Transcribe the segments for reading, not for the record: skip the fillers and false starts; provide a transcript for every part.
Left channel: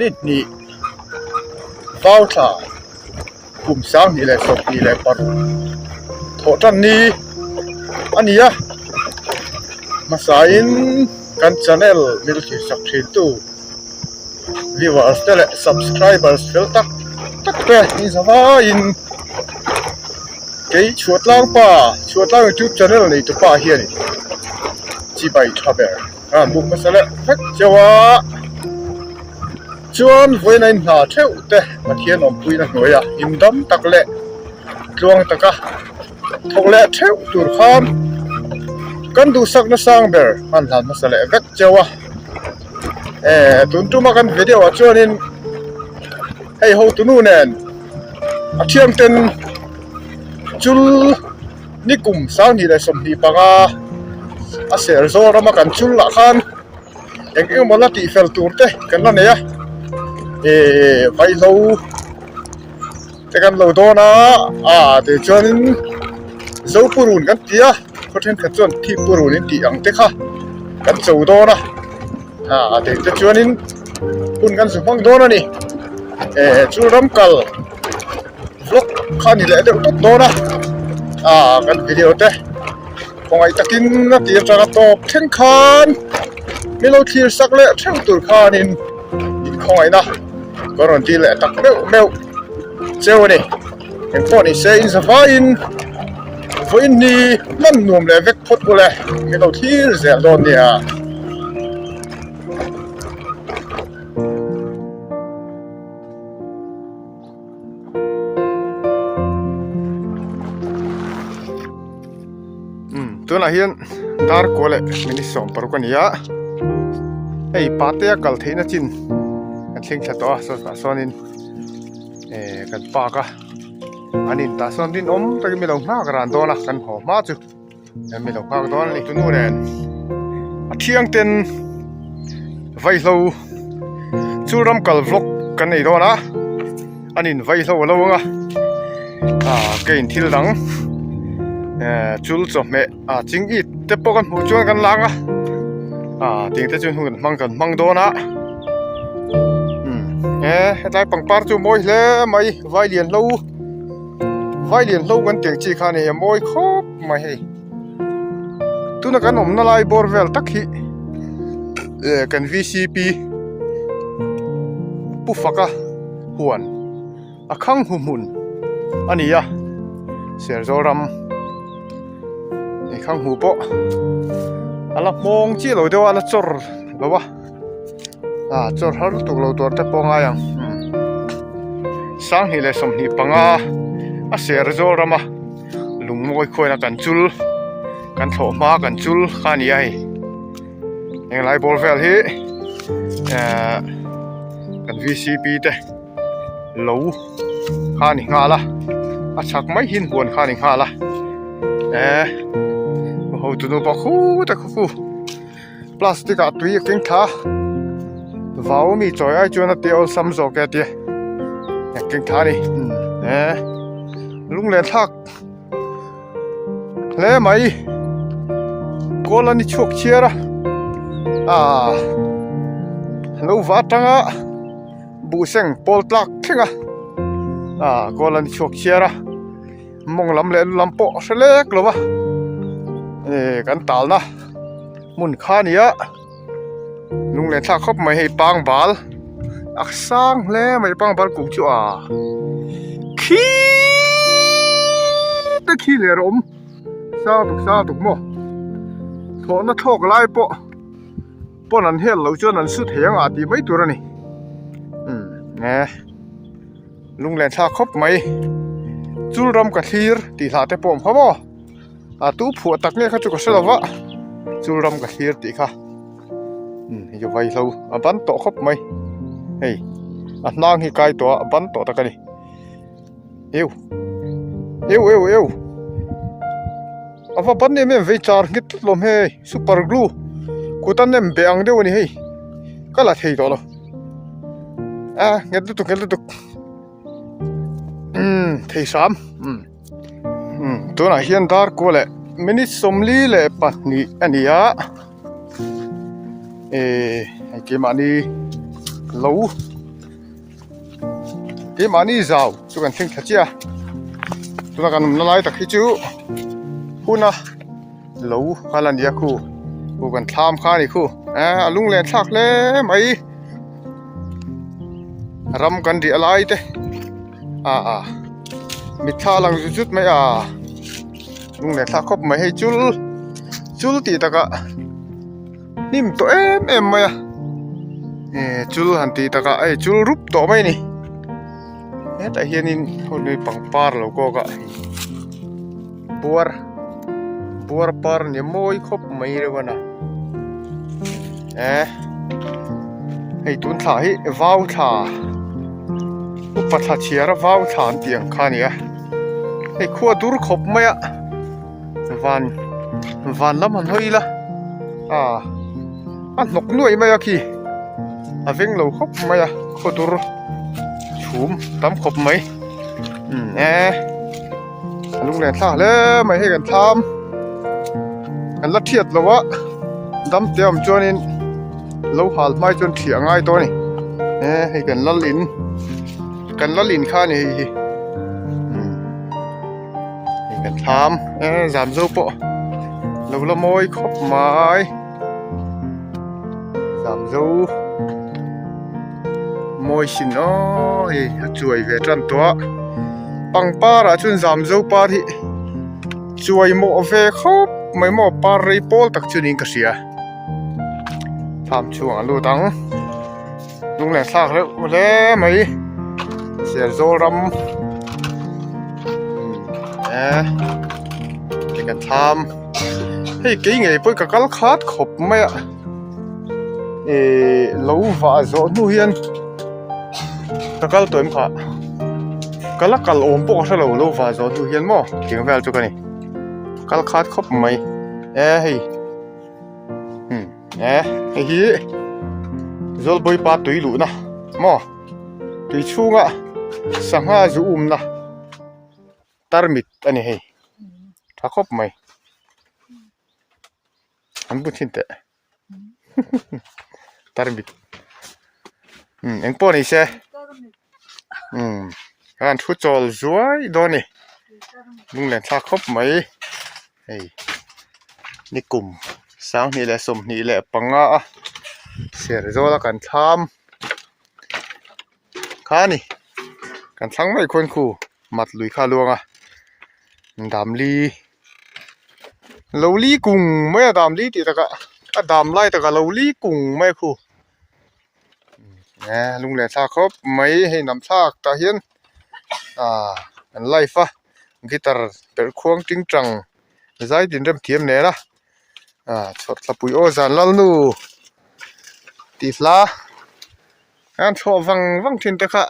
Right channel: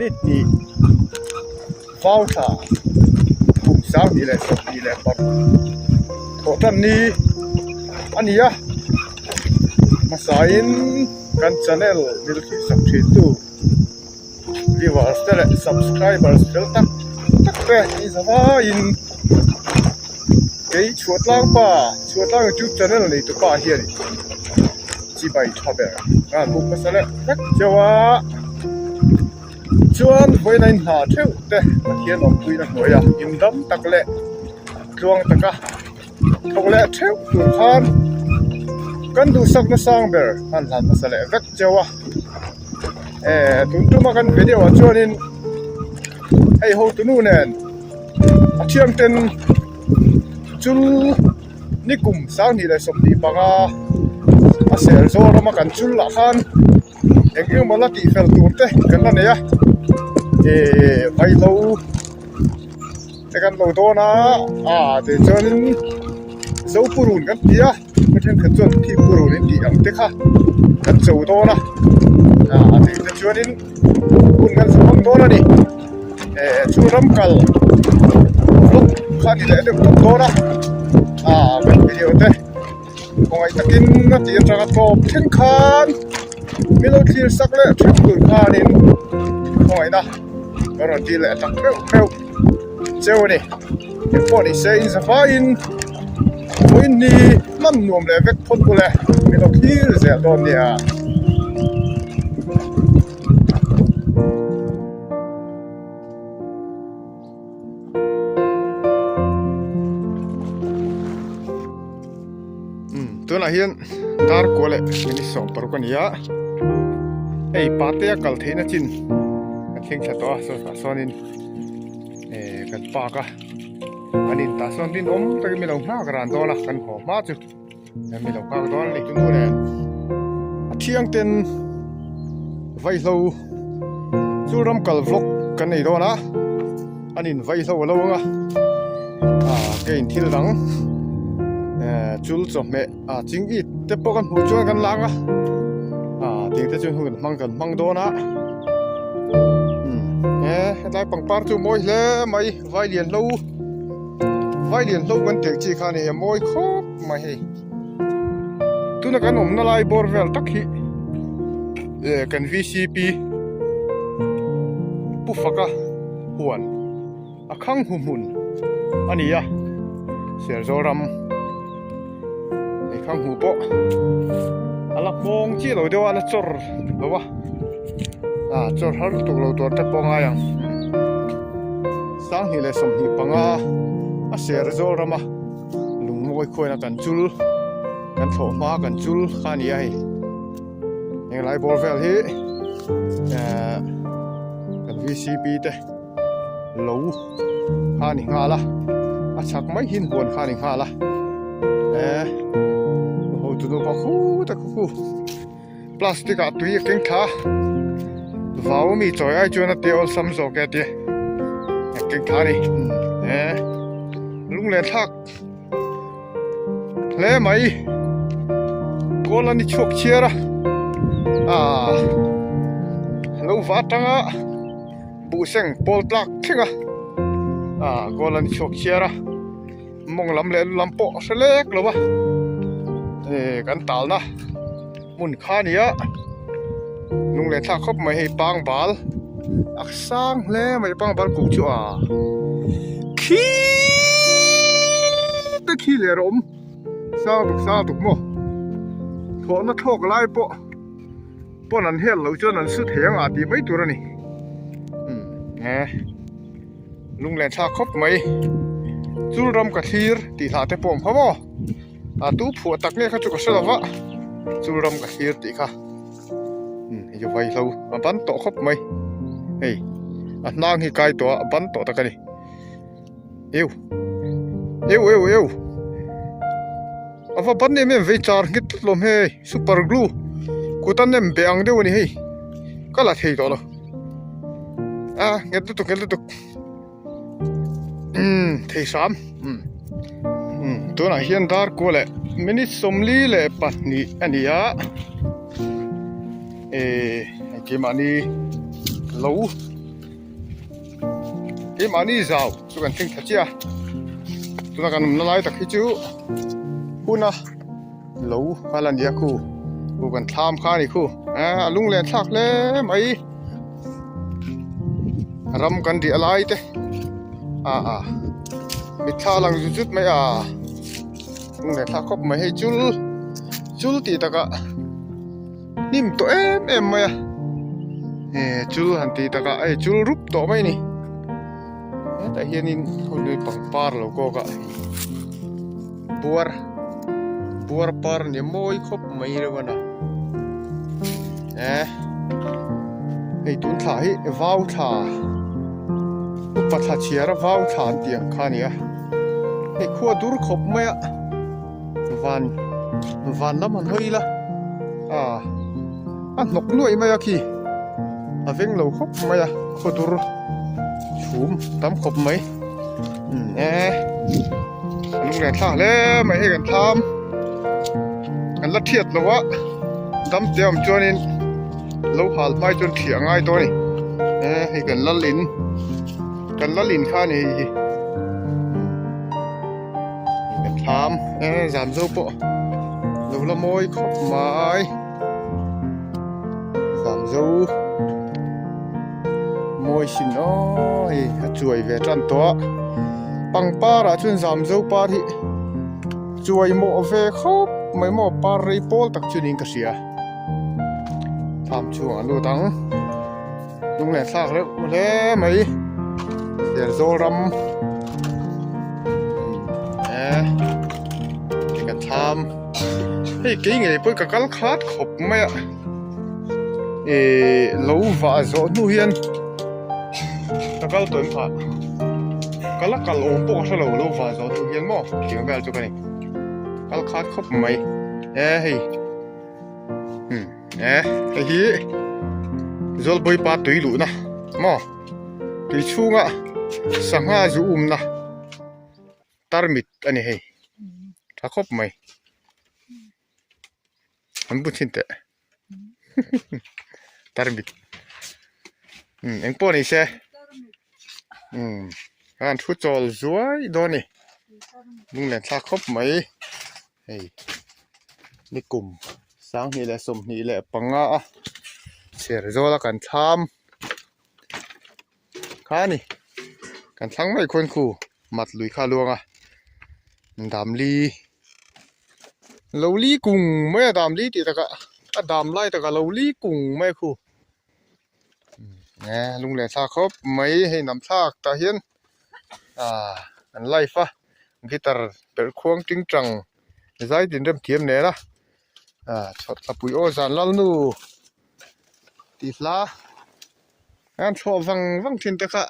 นิดนี้ฟ้าวท่ากุ่มสร้างนี่แหละสปีแหละปัดโถท่านนี้อันนี้อะมาสายกัน channel มิลที่สับชีตู viewers และ subscribers เฟลตักแต่นี่สบายเกยชวดล่างป่าชวดล่าง YouTube channel นี่ตัวป่าเฮียนี่จีบายทราเบลมุกมาซะแล้วฮักเจ้าว่าชวนไว้ในหน้าเที่ยวแต่มาเทียนออกคุยนักหน่วยอิ่มดำตักเละดวงตะกะทงเละเที่ยวตุนคานกันดูสักนะสร้างเบลหันหันมาซะแล้วฮักเจ้าว่าตุนตุมากันวิดีโอชวนนินให้เขาตุนูเนนอาเทียมเต็นจุลนี่กลุ่มสร้างนี่เลยสมดีปะกะอาเสียร์โซรามากันจุลละคันยังเอ็งมาละตีเฟลตูนเตะกันละเนี่ยไฟโลแต่กันโลโดนะเดี๋ยวจวนโซปูรุนกันตีเพราะฉะนั้นกันจวนที่ปูรุนนี่ตีอังเตะค่ะกันโซโดนะเดี๋ยวจวนนี่ปุ่นกันสว่างโดนะนี่จุลรำกัลฟลุกข้านี่แหละเดี๋ยวโดนะกันวิดีโอเตะคงไอ้ตะกินนะตีจะกระทบเท่งคันมีเราทีสักเละเท่งตุลคันินคงไอ้นะก็รอนทีเละตักเมลเจ้านี่พอนี่เซอินสฟาอินตัวอินนี่นั่นนวมเลยเวกพดกูเลยมีเราทีเสียโดนเนี่ยตัวน่ะเฮียนตาร์โกเลมินิสองปรุกันยาปาเตียกัลเทนะจินเข่งชัดตัวสอนินกันปากอันนี้ตาสอนดินแต่ไม่ต้องมากระดานตัวนะกันหอมมากจุไม่ต้องมากตัวนี่ตัวนู้นเที่ยงเต็นไวโลจูรำกัลฟลกกันนี่ตัวนะอันนี้ไวโลเราเกินที่หลังจุลจบเมจิงอีเต็ปกันหัวจวนกันลังติงแต่จนหุ่นมังกันมังโดนะได้ปังปาร์จูมวยเลยไม่ไวเลียนลูกันเตียงจีขานี่มวยครบไม่ให้ตุนักันนลายบอร์เวลตักฮีกัน VCP ปุ๊ฟักหวนข้างหุ่นอันนี้เสียงโจรำข้างหูโปอะไรมองจีเราเดี๋ยวอะไรจอร์แบบว่าจอร์ฮาร์ตุกเราตัวแต่ปองยังสร้างหิเลสมนิปังเสียร์โจรามาลุงมวยคอยนักกันจุลกันโถมากันจุลข้านี่ไอ้ยังไงบอลเฟลฮีกัน VCP เต้ลูข้านี่งาละชักไม่หินหวนข้านี่งาละตัวนู้นบอกแต่คู่พลาสติกตัวยิ่งทิ้งท่าว้าวมีจอยไอจวนเดียวซ้ำโจกเดียทิ้งท่านี่ลุงเลี้ยทักแล้วไหมกูลันนี่ชกเชียร์ลูกวัดตั้งบูเซงโพลตักเข่งกูลันนี่ชกเชียร์มองลำเล่นลำโปเสล็กหรือวะกันตาลนะมุนข้านี่ลุงเลี้ยทักเขาไม่ให้ปังบาลสร้างแล้วไม่ปังบาลกูชัวขี้เลยรมซาตุกโมโถน่ะทอกไล่ปอนั้นเห็นเราจนนั้นสุดเหียงดีไม่ตัวนี่ลุงเลี้ยทักเขาไม่จูรำกระทีร์ตีท่าแต่ปมเขาบ่ตู้ผัวตักเนี่ยเขาจะก็เสลวะจูรำกับฮีร์ตีค่ะอยู่ไว้เราบันโตครบไหมนางฮีไกตัวบันโตตะกันนี่เอวว่าบันนี่มันวิจารณ์กิดลมเฮซูเปอร์กลูกูตันเนี่ยเบียงเดียวนี่ก็ละเทตัวละเงี้ยตุกเทสามตัวไหนเฮียนดาร์กูเลยมินิสมลีเลยปันนี่อันนี้ไอ้เกมอันนี้ลู e mani zau chu kan thing thachia tu kan nalai tak hi chu huna lo halan dia khu mo kan tham kha ni khu alung le thak le mai ram kan ri alai te mi tha lang jut mai lung le thak khop mai he chul ti taka nim to em mai chul han ti taka chul rup to mai ni ta hianin hoi pangpar lo ko ka buar par ni moi khop mai rewana hei tun tha hi vau tha patha chiara vau tha tiang khania hei khua dur khop mai van lam han hoi la nok nuai mai ki aveng lo khop mai khua dur chum tam khop mai lung le tha le mai hi kan tham kan la thiat lo wa dam tiam chonin lo hal mai chon thia ngai to ni hi kan lalin kha ni hi kan tham zam zo po lo la moi khop mai zam zo moi sin hi chuai ve tran to pangpara chun zam zo pa thi chuai mo ve khop mai mo par rei pol tak chunin ka sia tham chuang alu dang lung le sak le mai sia zo ram kan tham hei ke nge poi ka kal khat khop mai lo va zo nu hian takal toim kha kal om po sa lo va zo tu hian mo king vel chu ka ni kal khat khop mai hei hi zol boi pa tui lu na mo ti chunga sanga zu na tarmit ani hei tha khop mai am bu thin te tarmit en po ni se kan thu chol zuai do ni lung le tha khop mai hei ni kum sang ni le som ni le panga ser zo la kan tham kha ni kan thang mai khon khu mat lui kha luanga dam li lo li kung mai dam li ti taka dam lai taka lo li kung mai khu lung le tha khop mai hei nam thak ta hian an life guitar per khuang ting trang zai din rem thiam ne la chot la pui o zan lal nu ti fla an tho wang thin ta kha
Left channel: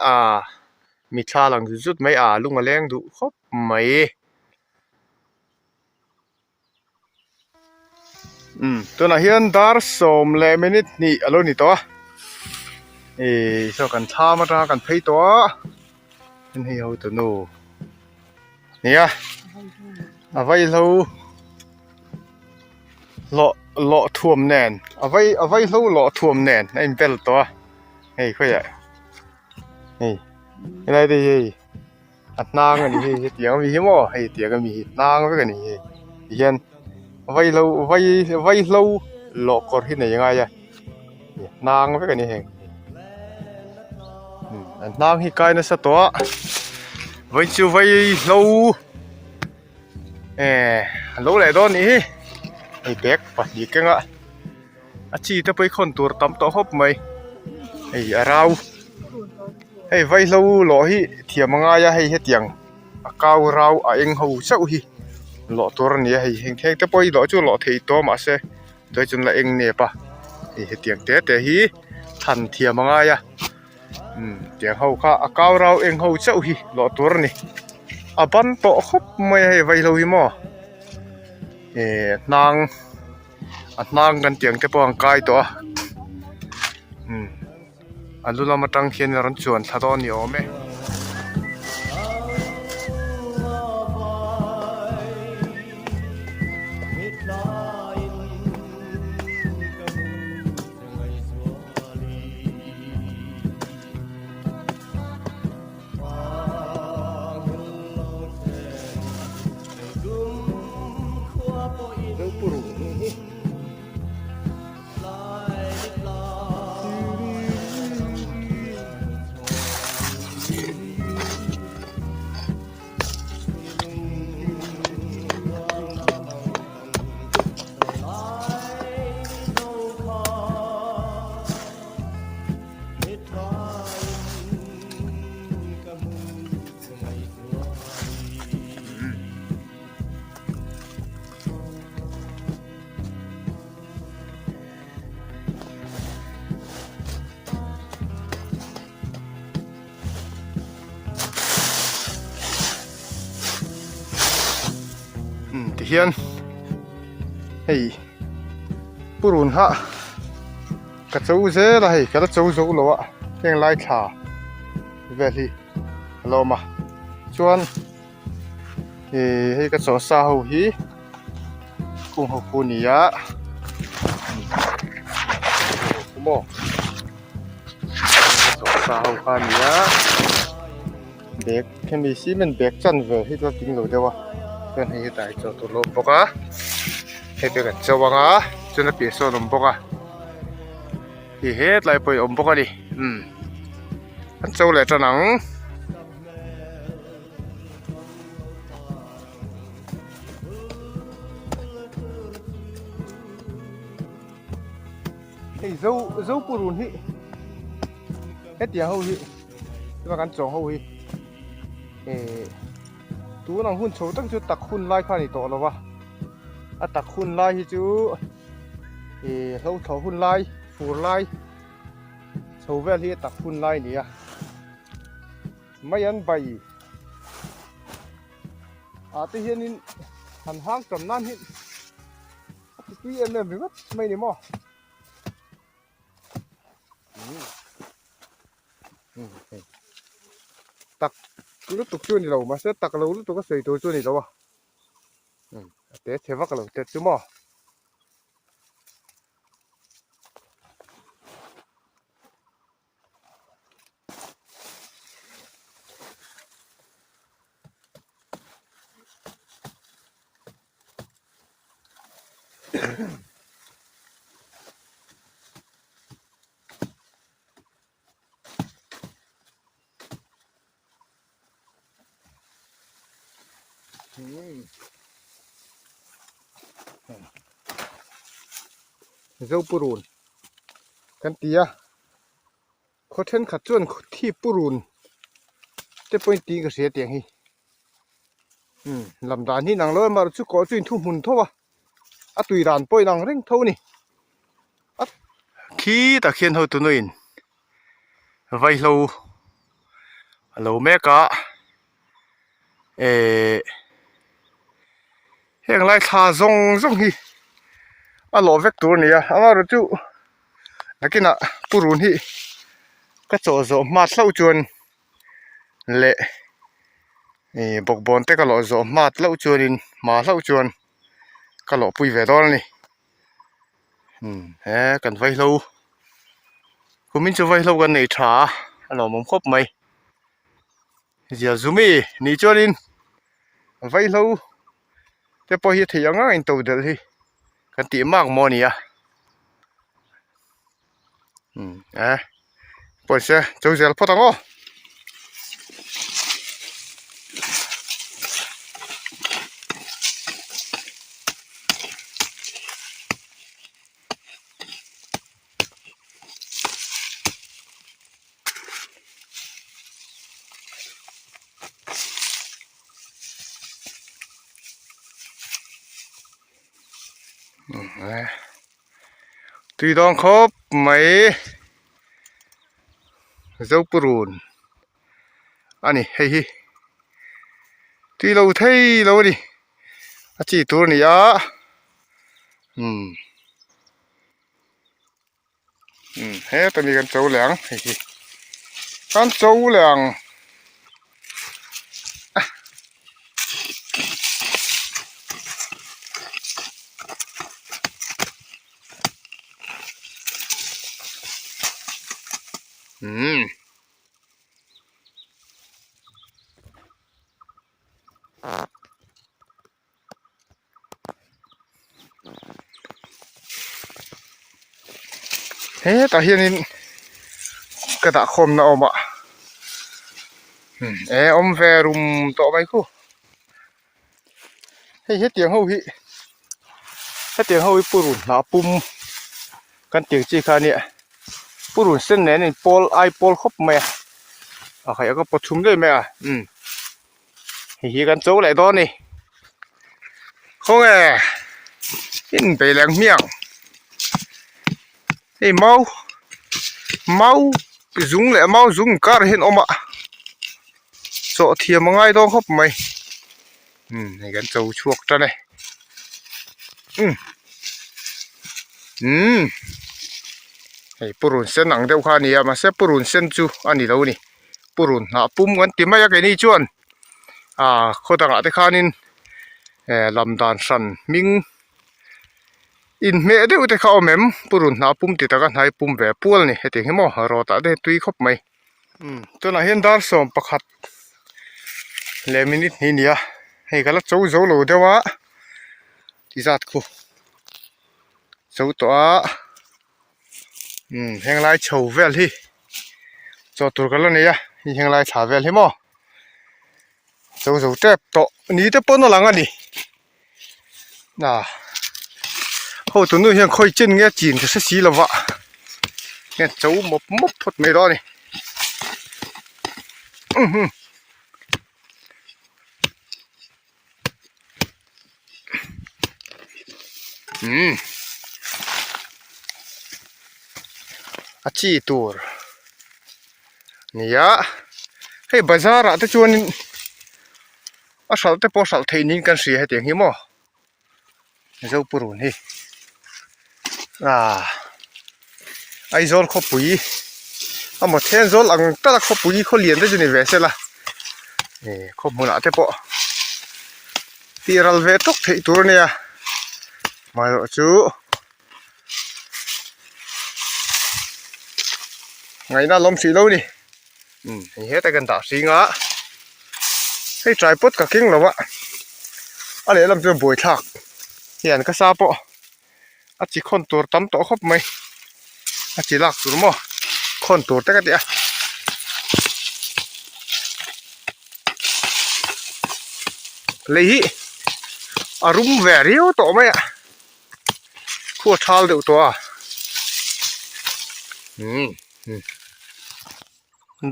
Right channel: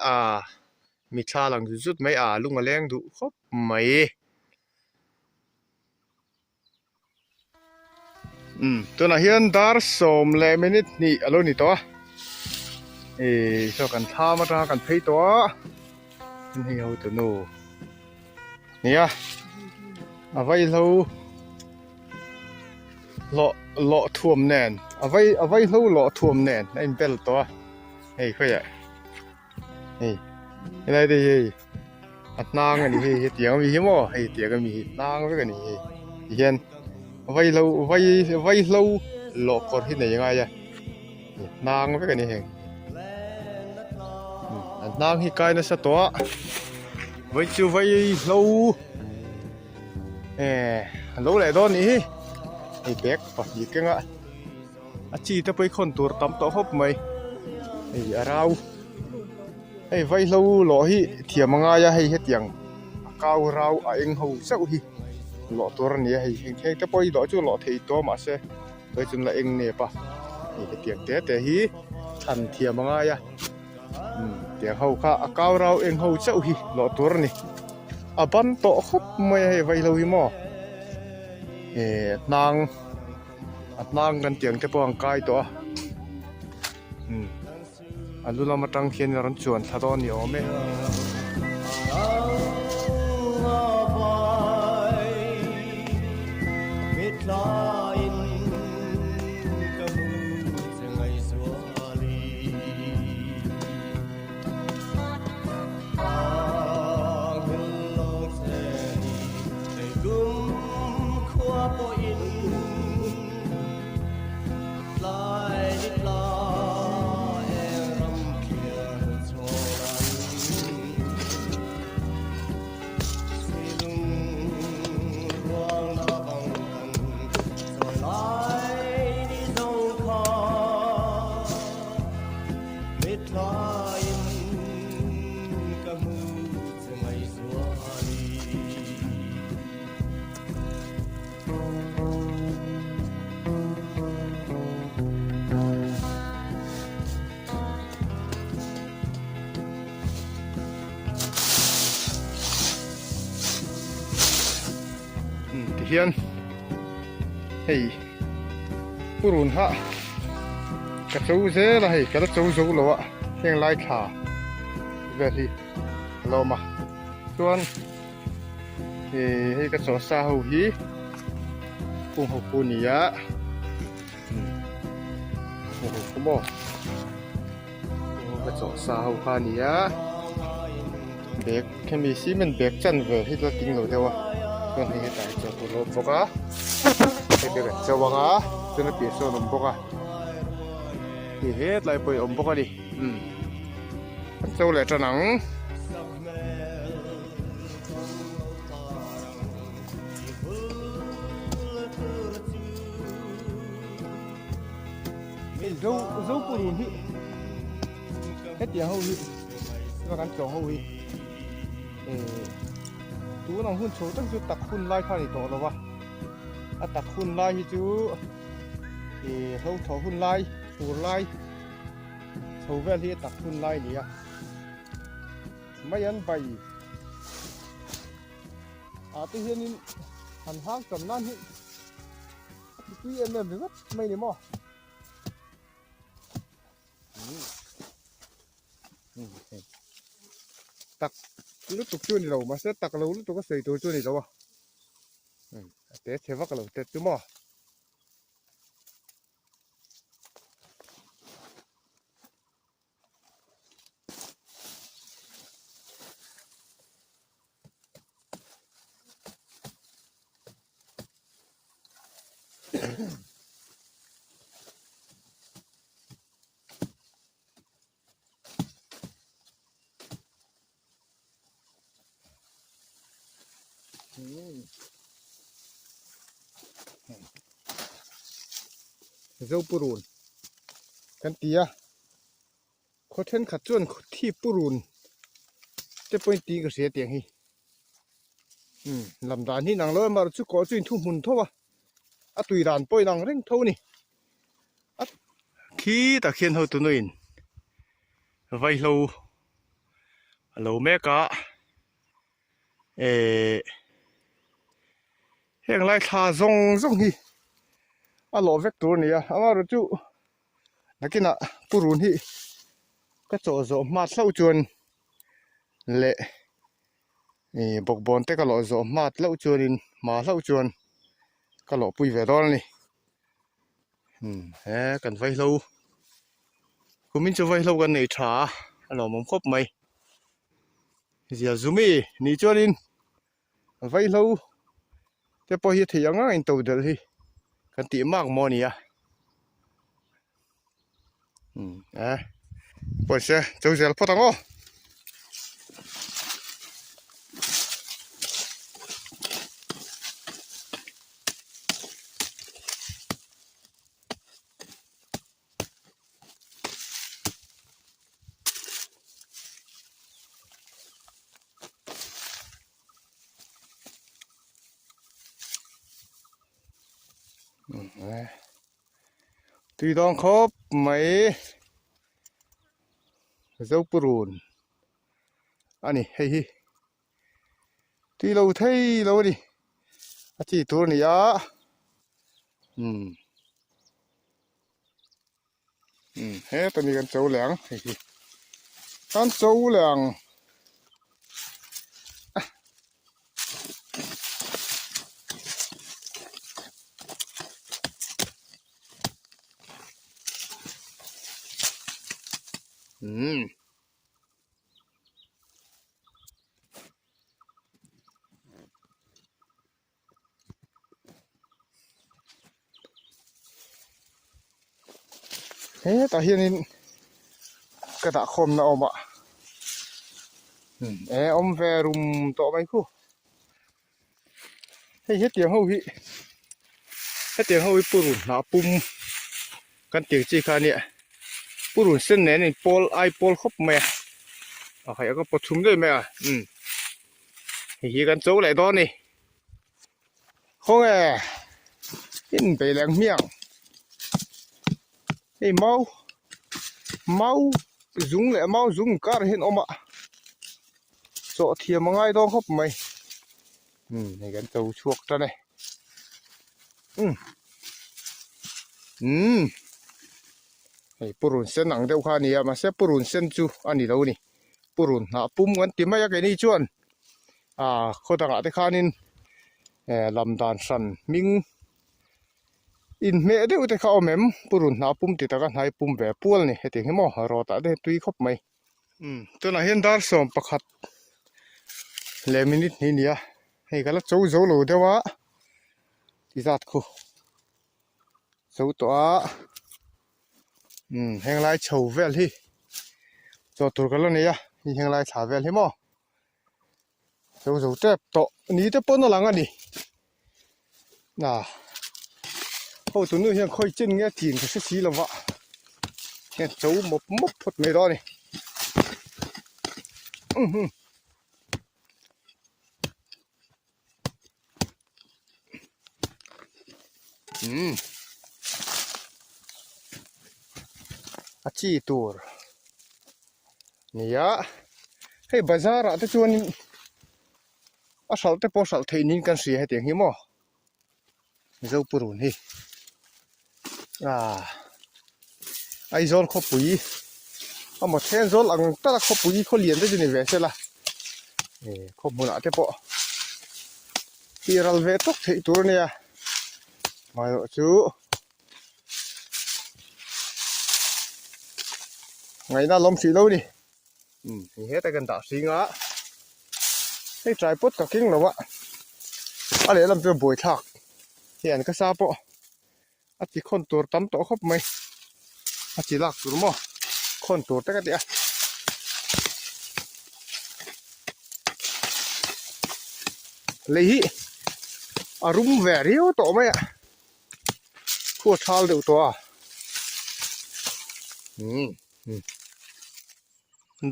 mi thla lang zut mai lunga leng du khop mai to na hian dar som le minute ni alo ni to so kan tha ma ta kan phei to ni ho to no nia avai lo thuam nen avai lo thuam nen in bel to hei khoya hei nai de hei atnang ani hei tiang mi hi mo hei tiang mi nang ve kan ni hian avai lo lo kor hi nei nga ya nang ve kan ni hei nang hi kai na sa to vai chu vai lo lo le don ni hei bek pa ni ke nga achi ta pai khon tur tam to hop mai hei arau hei vai lo hi thiamanga ya hei hetiang akau rau a eng ho chau hi lo tur ni hei heng theng te poi lo chu lo thei to ma se toi chun la eng ne pa hei hetiang te hi than thiamanga ya tiang ho kha akau rau eng ho chau hi lo tur ni aban to khop mai hei vai lo hi mo nang kan tiang te pawng kai to alula matang khian ran chuan thadon ni ome เฮียนเฮ้ยปุรุนฮะกระจูเซ่ละเฮ้ยกระจูจูแล้วอ่ะเพียงไล่ขาเวทีเรามาชวนให้กระสอสาวฮีกุ้งหกปูนี่อ่ะมอสาวกันนี่อ่ะเด็กแค่มีซีมันเด็กจันเวที่เราติ้งเราเดียววะกันให้ตายจอตุลบกะเฮ็ดกันจวงะจนเปียโซนบกะเฮ็ดไล่ไปบกะดิอันเจ้าแหละจะหนังdấu của luôn hi hết tiền hậu hi và gắn trồng hậu hi tú năng hun số tăng chú tắc hun lai khoa này tổ rồi ba tắc hun lai hi chú lâu thầu hun lai phù lai số về hi tắc hun lai nè mấy anh bày tự nhiên hành hang trầm nan hi tuy em bị mất mấy điểm mòตักลูกตุกช่วยนี่เรามาเสร็จตักเราลูกตุกก็ใส่ตัวช่วยนี่เราอ่ะเดี๋ยวเทวักเราเดี๋ยวจุ่มอ่ะเจ้าปูรุนกันตีอ่ะเขาเช่นขัดจวนที่ปูรุนแต่ปอยตีก็เสียเตียงฮีลำดานที่นางเลิศมาชุกก่อจุนทุ่มหุ่นเท่าตุยดานปอยนางเร่งเท่านี่ขี้ตะเคียนเท่าตัวนู้นไว้เราแม่กะเฮียงไล่ขาซงฮีหล่อเวกตัวนี้อ่ะมารู้จุนักกินปูรุนฮีก็โจมาเล่าจวนเละบอกบอลแต่ก็หล่อโจมาเล่าจวนมาเล่าจวนก็หล่อปุยเวดอนนี่กันไว้เราคุณมินจะไว้เรากันในชาหล่อมุมครบไหมเดี๋ยวซูมี่นี่จวนไว้เราแต่พอเห็นที่ยังง่ายตัวเดียวที่กันตีมากมอนี่อ่ะปล่อยเสียเจ้าเสียพอตั้งอ๋อตีดองครบไหมเจ้าปูรุนอันนี้เฮ้ยตีเราเท่เราดิอาชีตัวนี้อ่ะเฮ้ยตอนนี้กันเจ้าเหลืองเฮ้ยกันเจ้าเหลือง เฮ้ตาเฮียนี่กระดาคมนะอมอ่ะอมแวรุมต่อไปกูให้เฮ็ดเตียงเฮาฮิเฮ็ดเตียงเฮาฮิปุรุนหาปุ่มกันเตียงจีคาเนี่ยปุรุนเส้นแหนนี่ปอลไอปอลครบแม่ใครก็ประชุมด้วยแม่ฮิกันโจ้ไหลตอนนี่เขาไงอินไปแรงเมียงไอ้เมาไปจุงแหละเมาจุงการเห็นออกมาโจเทียมมาง่ายต้องครบไหมให้กันโจ้ชวกจ้ะเนี่ยให้ปุรุนเส้นหนังเดียวขานี่มาเสปุรุนเส้นจูอันนี้เรานี่ปุรุนหาปุ่มกันติมาอยากไอ้นี่จวนคนต่างๆที่ขานินลำดานสันมิงอินเมเดียวแต่เขาเอาแม่มปุรุนหาปุ่มติดกันให้ปุ่มแบบปูลนี่ให้ถึงให้หมอรอตัดได้ตุยครบไหมตัวน่ะเห็นดาร์สอมประคัดเลมินิดนี่เนี่ยให้กันละโจ้โหลเดียววะที่จัดกูโจ้ตัวแห่งไรเฉาเวลที่จอดตัวกันแล้วเนี่ยแห่งไรฉาเวลที่หมอโจ้เจ็บต่อนี่จะป้นหลังอ่ะดิโอ้ตัวนู้นยังค่อยจิ้นเงี้ยจีนจะสีแล้ววะเนี่ยโจ้มบพดไม่รอนี่อาชีตัวนี่ให้บาซาร์แต่ชวนสัลแต่พอสัลเทนินกันเสียให้เตียงหิมะเจ้าปุรุนนี่ไอโซลขบปุยหมดเทนโซลหลังตลาดขบปุยเขาเลียนได้จนในเวสละนี่ขบมุนแต่พอตีรัลเวทุกที่ตัวเนี่ยมาดูจูไงน่าล้มสีแล้วนี่เฮ้แต่กันตาสีงะให้ใจปุ๊ดกับกิ้งหรอวะอะไรลำจะบวยทักเห็นก็ทราบปะอาจิคนตัวตั้มโตครบไหมอาจิลักตัวมั้งคนตัวแต่ก็เดียเลยอารมณ์แวริโอโตไหมขั้วทัลเดียวตัว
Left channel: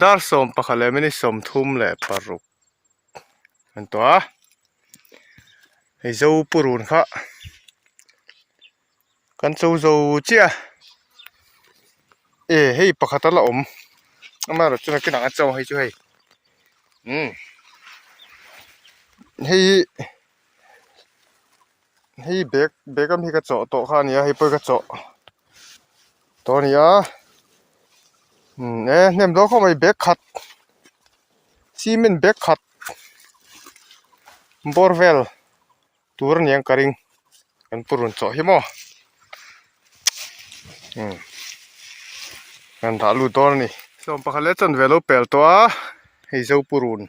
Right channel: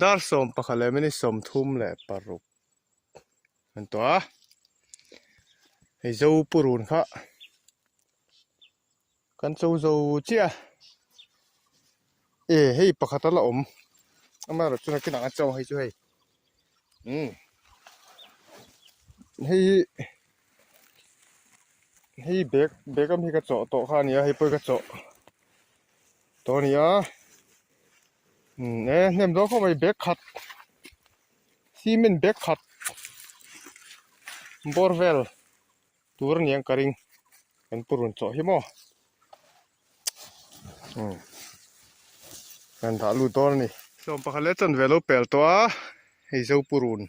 ดาร์สอมปะเขาเลยไม่ได้สมทุ่มเลยปารุกอันตัวไอ้เจ้าปุรุนค่ะกันเจ้าเจ้าให้ปะเขาตละอมมาเราจะนักกินหนังเจ้าให้ช่วยให้เบกก็มีกระจกโต๊ะข้านี้ให้เปิดกระจกตัวนี้เนี่ยมันเข้าไปเบกขัดซีเมนต์เบกขัดบอร์เวลตัวนี้ยังกระริงกันปุรุนจ่อหิมะกันถาลูตัวนี้สมปะเขาเล่นจนเวลเปลตัวให้เจ้าปุรุน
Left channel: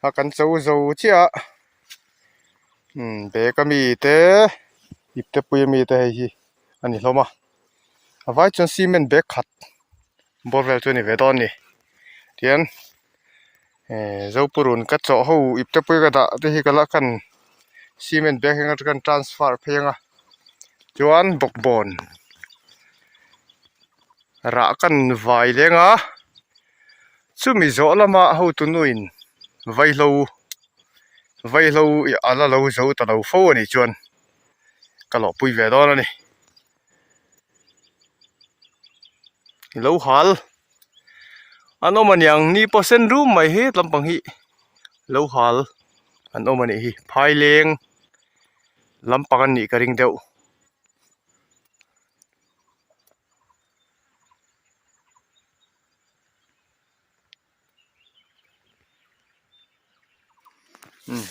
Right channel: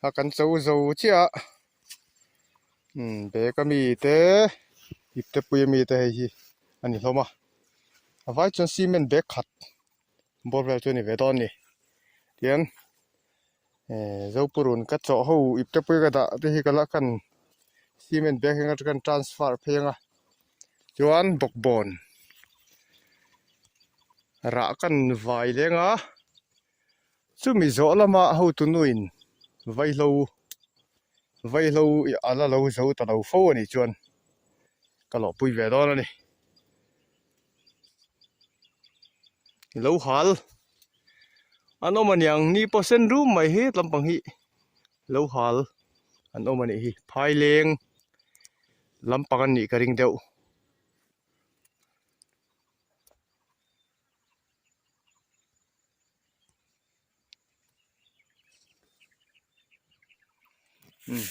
หากันเจ้าเจ้าเบกก็มีแต่อิบแต่ปุยมีแต่ให้อันนี้เรามาเอาไว้จนซีเมนต์เบกขัดบอร์เวลตัวนี้เวดอนนี่เทียนเจ้าปุรุนก็เจาะหูอิบแต่ปุยก็ได้ที่กันละกันซีเมนต์เบกให้กันทรานสเฟอร์เพียงจวนบกบอนรักกันไว้เลยซุมิโซละมาหูตุนุอินไว้เราอะไรเราโซตะเราฟูนี่จวนก็หลอกปุยเวดอนนี่เราหัลอันนั้นมันยังนี่เปอร์เซ็นต์รู้ไหมเฮ้ลำปังฮีเราหัลอันนั้นมันนี่พายเลี้ยงลำปังนี่กระดิ่งเดียว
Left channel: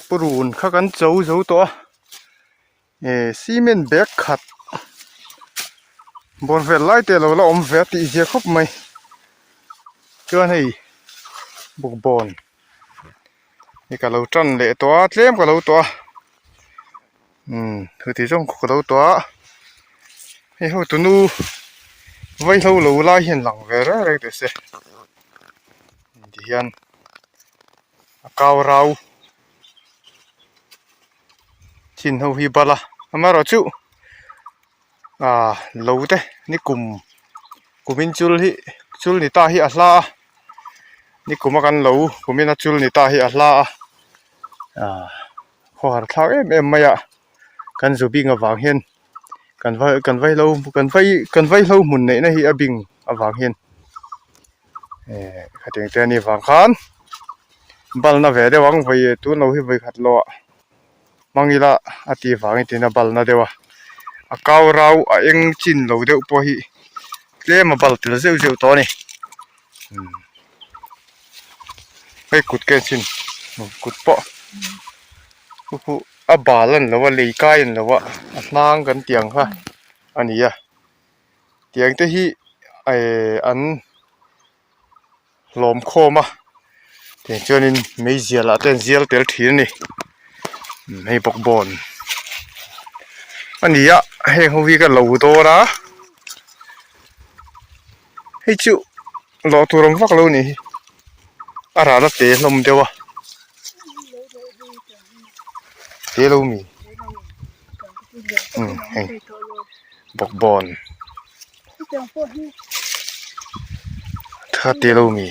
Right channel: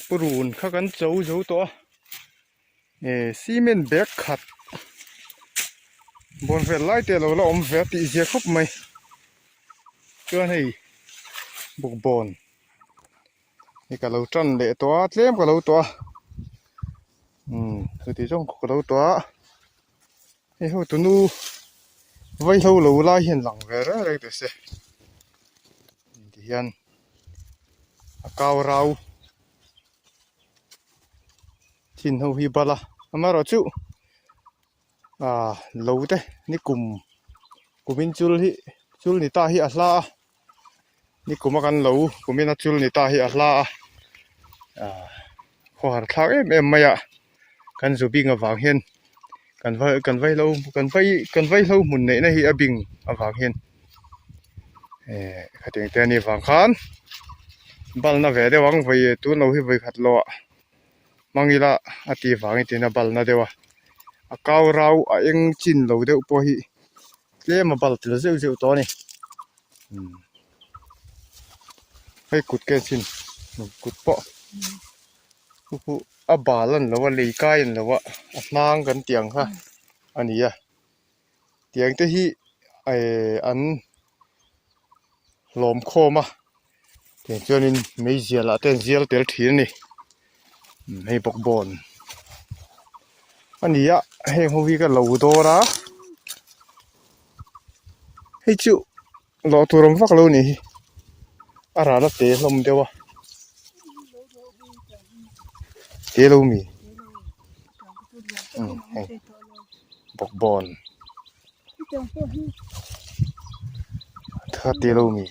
ปุรุนข้ากันเจ้าตัวซีเมนต์เบกขัดบนเวลไล่เตะเราอมเวทีเสียครบไหมจวนให้บุกบอลนี่ก็เราจันเละตัวเลี้ยมก็เราตัวคือที่ส่งก็เราตัวให้เขาตัวนู้ ไว้เรารู้ลายเห็นหลังเวรอะไรแต่เสดิยันกาวเราชินเฮาฮิบาละมาเราจูรู้เต้นี่กุมินจุลนี่ตาฮิอัลลานี่กุมกันรู้กุมินจุลนี่ตาฮิอัลลาขอหันข้างไม่อะกันจูบิงกับวางเห็นกันไว้เราหมุนในฮิอบิงกับวางเห็นขัดยังแต่นี่วางขันบัลน่ะเวเดวังไปตัวเราฮิไปขัดล้อมังอีละอติวางอีน่ะบัลน่ะเดวะกาวเราเอ็งจินเราเดวปอฮิเลมาบัลติลเซลตัวนี่ไปกุดแกนชินกุดปอกูบาลันแล้วว่าเลยใกล้แล้วว่านางกันเตียงค่ะอันนี้เตียงที่อันลมโคมาเตียงจนินไม่เสียละแต่เสียเตลทีนี่ให้ปกบอลอันนี้ให้เขาวิ่งกันเหล่าตัวนะให้จู่รอตัวรำฟักแล้วนี่อะไรนะเตะลมเดียวเตะลมมีปกบอลถ้าเตะลมมี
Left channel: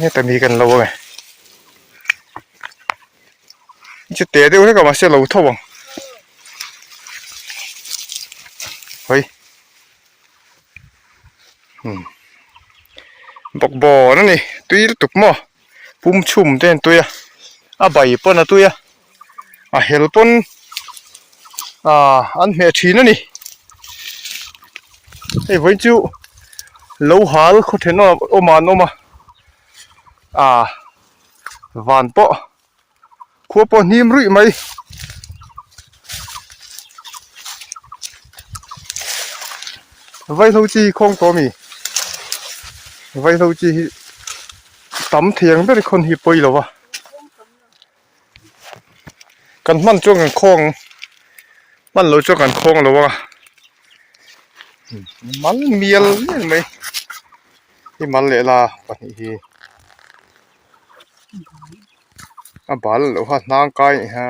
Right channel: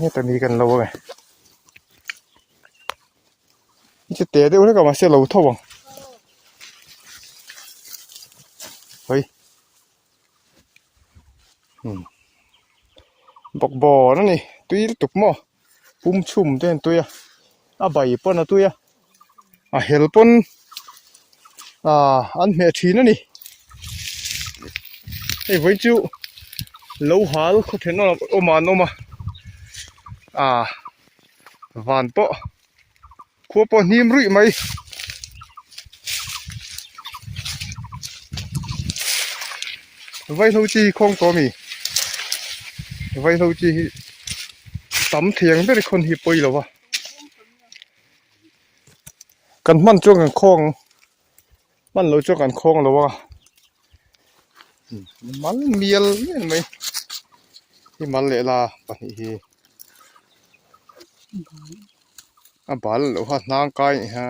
นี่แต่มีกันเราไงจะเตะเดี๋ยวให้กับมาเสียเราท่วงเฮ้ยบอกบ่อนั่นนี่ตุยตุกหม้อปุ่มชุ่มเต้นตุยใบปนตุยเฮลปนอันเมียชีนั่นนี่ไอ้วันจูโลหะเขาเห็นโอมานมาวันปะขัวปนิ่มรุ่ยไหมไว้เราจีคงตัวมีไว้เราจีตำเถียงเป็นคนฮิปโปยหรอวะกันมันจ้วงกันคงมันเราจ้วงกันคงหรอวะมันเมียลนี่ไหมที่มันเละละปะนี่บาลหรือว่านางไก่ฮะ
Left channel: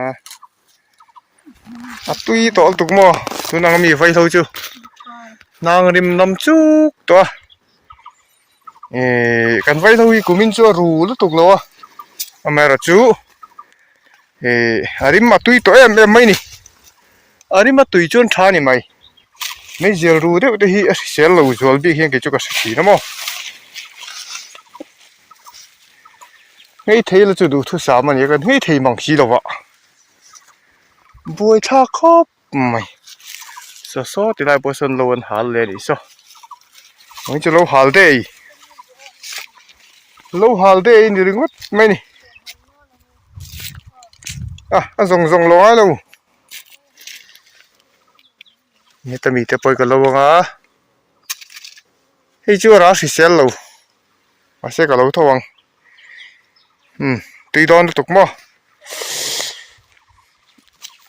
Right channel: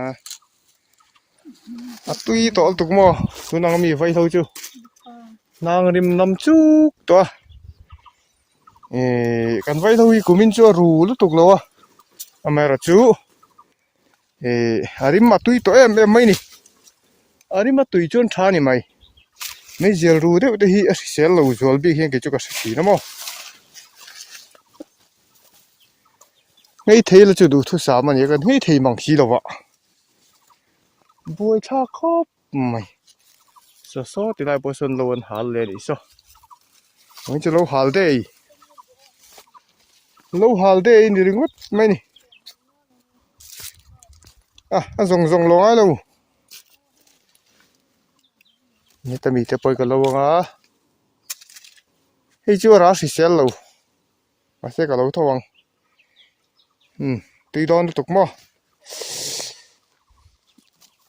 ตุยตัวตุกมอตัวนางมีไฟเท่าจูนางริมน้ำจุกตัวกันไฟเท่าอีกุมินจูรู้แล้วตุกแล้วอเมริจูอาริมมาตุยตัวไม่นี่อาริมมาตุยจนช้านี่ไม่เจอรู้เดี๋ยวที่เสียเราจวลบีเห็นกี่จุกสักทีนะมั้งไอ้เทย์เราจะดูทุกสามมันยังกันไอ้เทย์มังคีหรอวะบวยท่าครบไม่สอที่ไรบวยสันโลนหาเลยดิซะมันจะเราหาได้นี่รึงวัดไม่นี่ส่งลงให้เรานี่แต่มีแต่ไปกันแล้ววะให้ชัวร์ราศีเซลเรามาเสกกันเราทวังตีโดนตุกมั้ง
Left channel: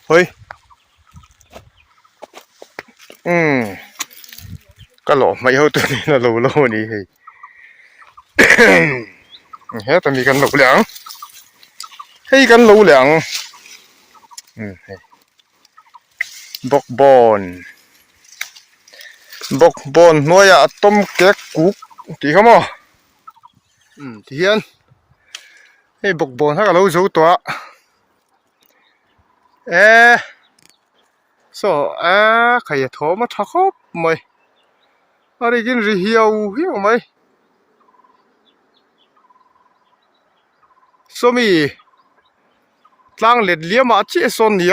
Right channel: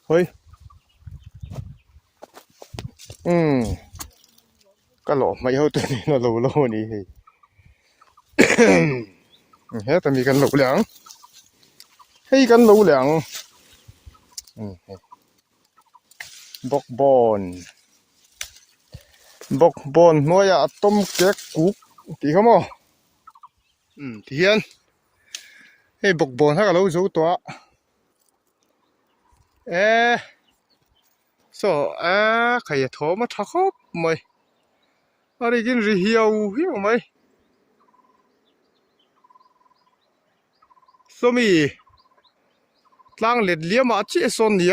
เฮ้ยก็หล่อไม่เอาตัวนี้นะเรานี่เฮ้ยเฮ้ยแต่มีกันหลุดหลังให้กันหลุดหลังบอกบอลนัวอยากต้มแกะกุ๊กตีเขามั้งเทียนให้บอกบอลให้กับเราสู้ตัวใครจะโทรมาทักเขาไหมอะไรกินเหี่ยวไหมสมีตั้งเล็ดเลี้ยมาเจี๊ยส่วนนี้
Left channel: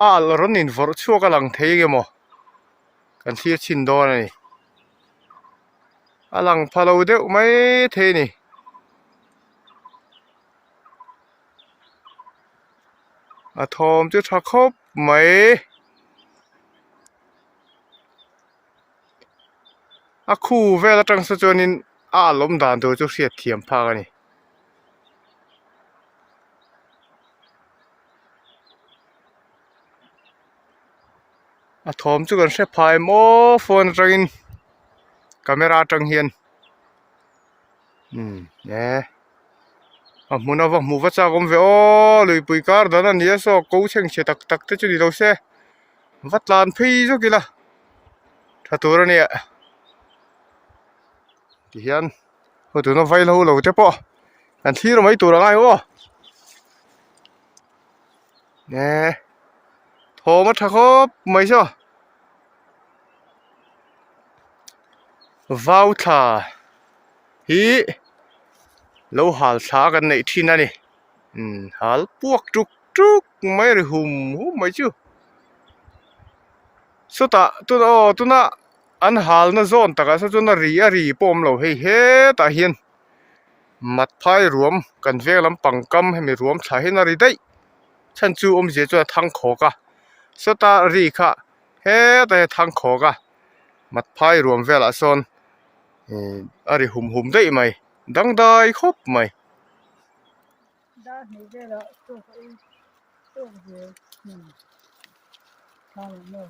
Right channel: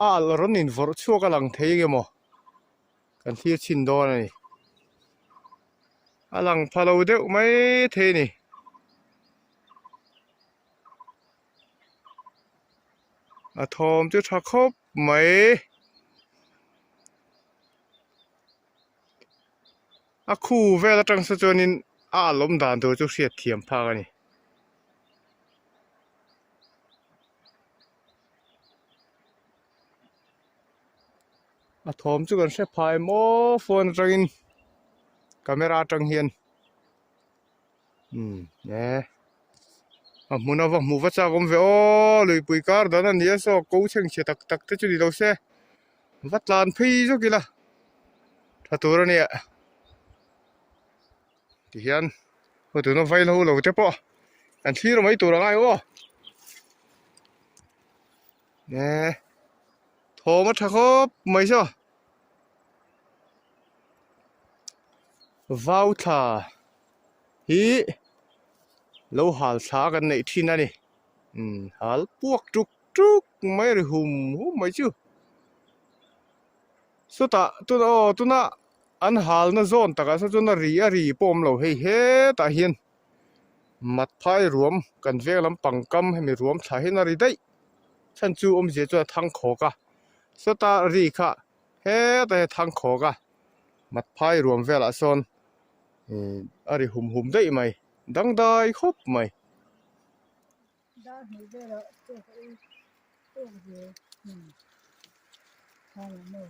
ร้อนนินฟอร์ชัวกำลังเทยมั้งกันที่ชินโดนนี่หลังพาเราเดี๋ยวไม่เทนี่ทอมจะทักเขาไหมคู่เวลาจังสจนินลมด่านตัวจะเสียเทียมพากันนี่ ถมจุกันเสพายโมโฟนจังkamera tang hian ne mun awa mu wa cha gom ve o lui pui kar dan an ya so ko cheng che tak tak te chu ni lo se wat lan phi zo kila tha tur ni ti hian ko tu no vai lo lo te po an thi ro mai tur ngai o ne thoma tha khop mai so vào thả hi lâu hal xaกันในที่นั่นนี่hal puak truk truk mai ri hum mai chu so ta tu na an hal na zon taka so chu na ri pom lo hei he ta hian mat phai ruam kan ve lam pangkam he mi ruam tha he na ri dai chan chu je chu thang kho ka so ta ri kha he ta thang kho ka mat phai ruam vela son ari hum dai mai dang dai khop mai da ni de la to de no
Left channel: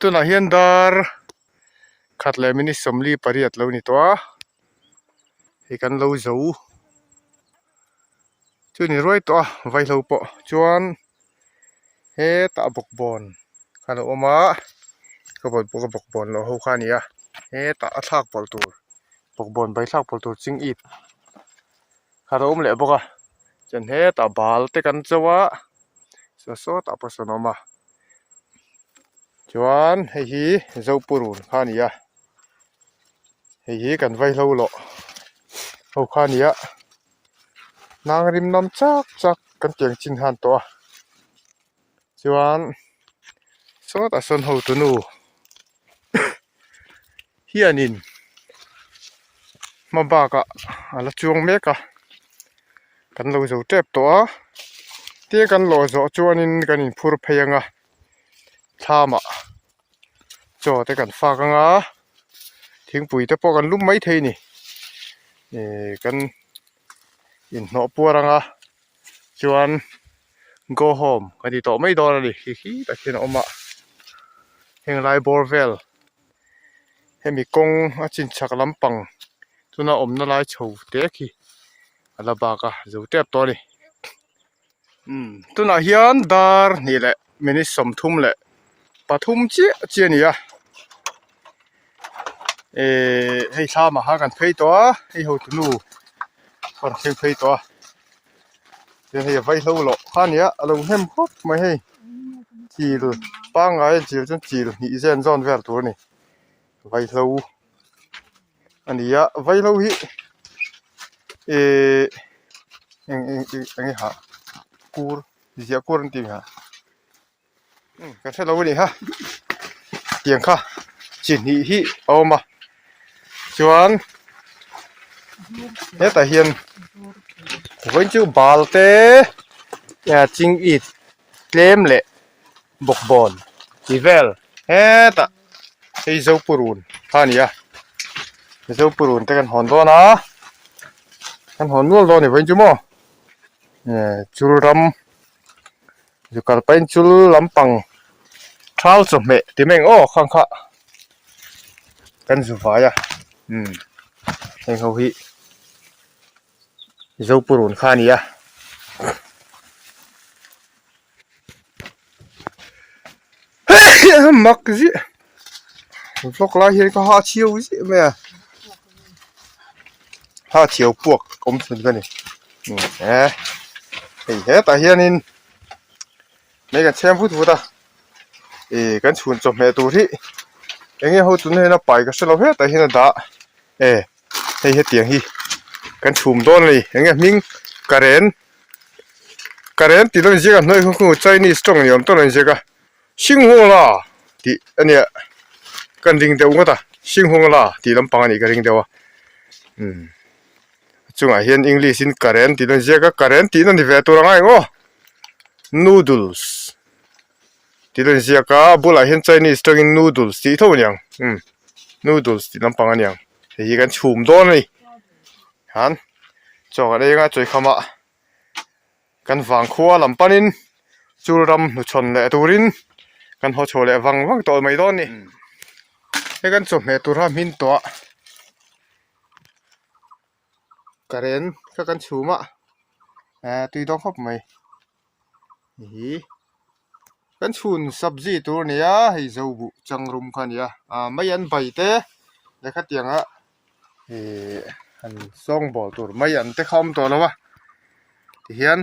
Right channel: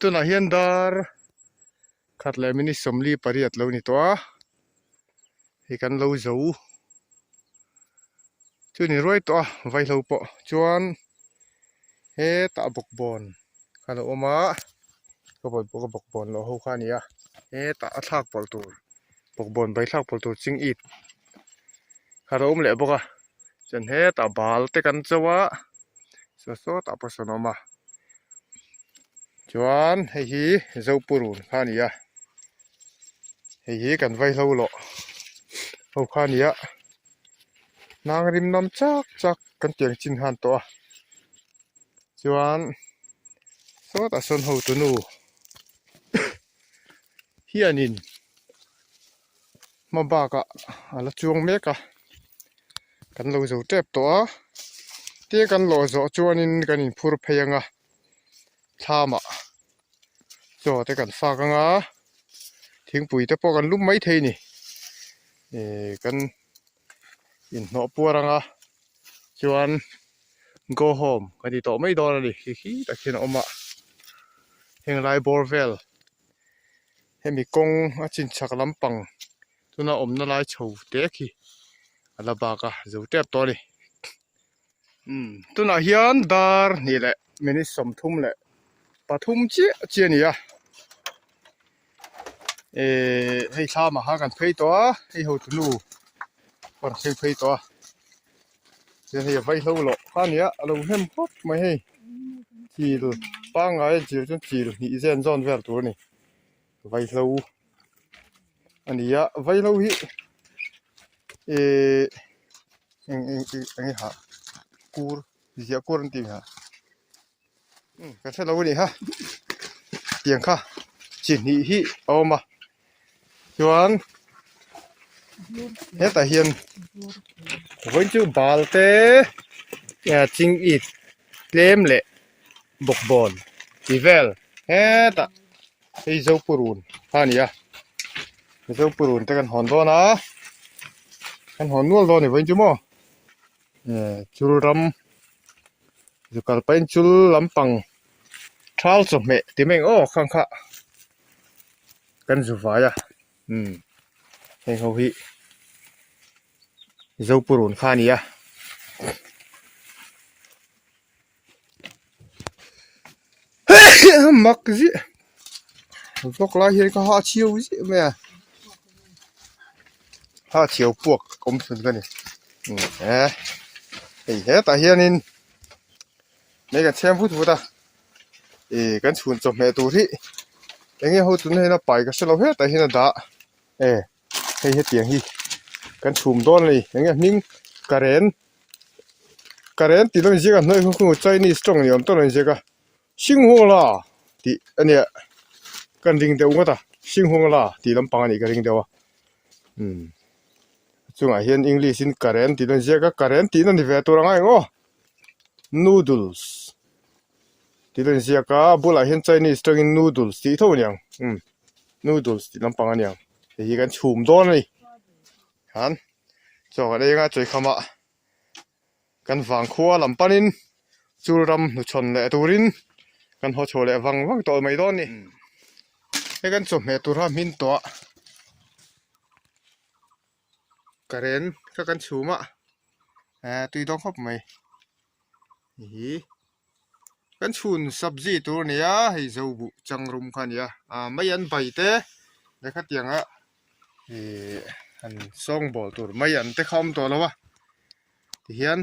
tu na hian dar khat le mini somli pariat lo ni to hi kan lo zo chu ni roi to vai lo po chuan he ta bok bon khana oma ko bok bon lo ho kha ni a he ta athak pol tur bok bon bai thak pol tur ching it khana le boka chen he ta bal te kan chawa so ta pasonoma chuan hei hi zo purun kha ni a hei hi kan vai lo ho kha ni a nang rim nam chak kan tiang chin han to chuan so ta son ho tu nu hianin ma ba ka ala chuang me ka kan lo zo tep to te kan lo zo chuanin kan in phur pheyanga thama cho te kan fa ka nga thing pui te po kan lum mai thei ni kan in no puaranga chuan go home kan ti to mai dor ni hi ta khin oma heng lai borvel hemi kong a chin chak lampang tuna omna lai chho te khi ala ba ka zo te to ni tuna hian dar ni le mini som thum le pathum chi ni a hei tha ma ha kan phei to hei ho tu nu kon phei to hei vai lo lo kha nia alo hem khop mai hei chil pa ngai chil chun chil ni zen zon ver tur ni vai lo ania vai lo hi eng ha kur zia kur ti ha kan se lo ni ha tiang kha chin hi oma chuan he ta hian với chữ bal te nhà ching it tlem le bok bon tivel he ta ei zo purun ania zo purun te kan hon do na kan hon nul do ni với chữ mo chul ram ju kal pain chul lampang thal chu me ti meng o khang kha kan zu va ya heng ho hi zo purun kha ni a mak ji พวกลาเฮียนก็หาเชียวสิแม่หาเชียวพวกอมสุนกันนี่ไอ้ตาเฮียนินไม่กันแชมพูดตากันชวนจบแม่ตัวที่เอ็งเขาตุนให้น่าไปก็สลับเฮ็ดแต่เฮียนด่าให้เฮ็ดเตียงฮีกันชุมต้นเลยเอ็งมิงการเรนตีต้นเจ้าหน่อยของใจนี่สตรองนี่ต้นเจ้าชิงหัวล่ะที่อันเนี้ยกันริงเดียวก็ตาชิงหัวล่ะที่ลำปางนี่กันริงเดียวจงอาเฮียนอังกฤษin การเรนตีต้นเจ้าการเรนตีนั่นที่เวตัวง่ายก็ noodles ที่ต้นเจ้าก็บุลาเฮียนใจนี่สตรอง noodles ที่เท่านี้noodles ที่ลำปางนี่ที่กันชุมต้นเลยฮันจอกอะไรก็ช่วยขมากันฟังขัวลำปานินจูรำนุชนและตูรินกันหัวโชและวังตัวไม่ต้นนี่ให้กันจบในตัวรามินตัวการเรนก็กันชูมะตุยต้องครบไหมนี่กันชูนสับจีตัวเนี้ยให้เจ้าบุจังรุมกันเนี่ยไม่ยันใบเต้เนี่ยขัดยังอันส่งบอลตัวไม่ยันเต้คอมตัวแล้ววะที่เห็น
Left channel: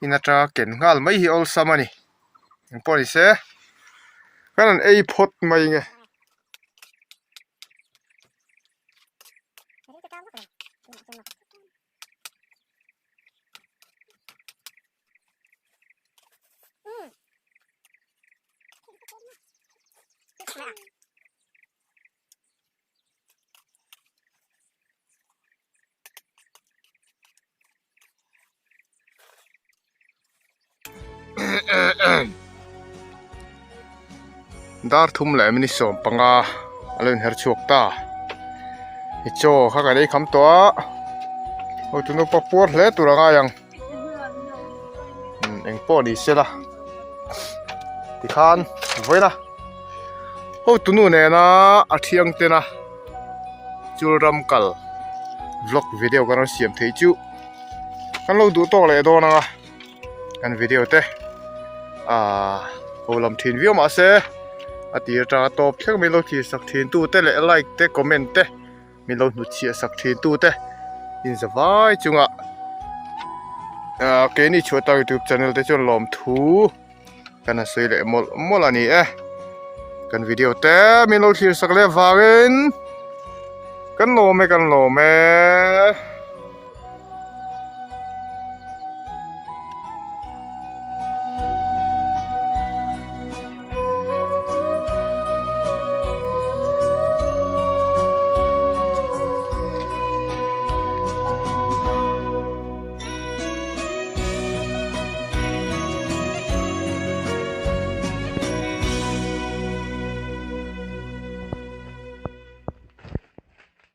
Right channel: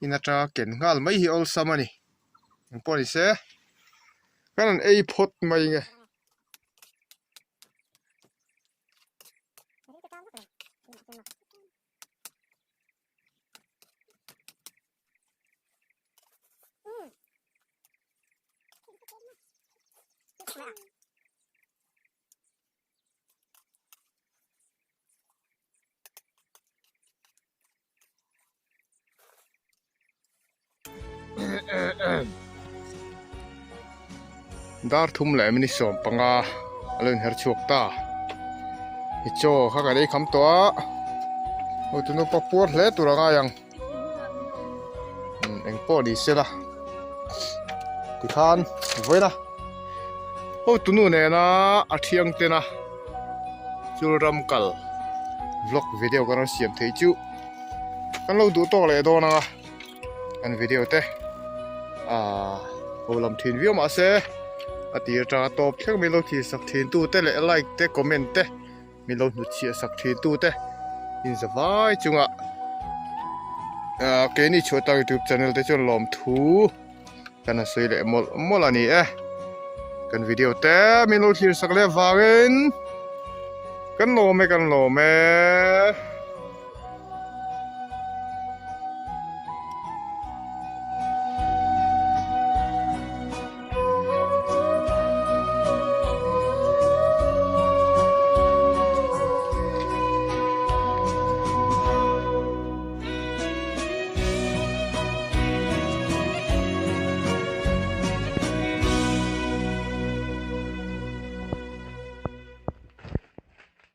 อินาตราเก่งงาไม่หิวสามันี่ยังพอดีเสียกันนั่นไอ้พดมายังไงดาร์ทุ่มแหลมนี่ส่งปังอาเล่นเฮร์ชวกตาฮิโจข้ากันได้คำตัวโอ้ตุนกปะปวดเลยตัวละยังเอ็งปอดีเสียละที่ขานไว้นะโอ้ตุนูเนี่ยนะอาทิยังเตนะจูรำกัลวล็อกวิดีโอกันเราเสียมเทจูกันเราดูต่อเลยตัวนะกันวิดีโอเตโอลำทีนวิวมาเซ่อาทิตย์ราตบเพียงมีโลกีสักทีนตู้เตะเลยไลค์เตะคอมเมนต์เตะมีโลนุเชียสักทีนตู้เตะอินสบายจุงเกนี่ช่วยตั้ง YouTube channel เตะจนล้อมทูกันนะสวยเลยมอลนี่กันวิดีโอเตะมีโลกีสักเลวากินกันโลเม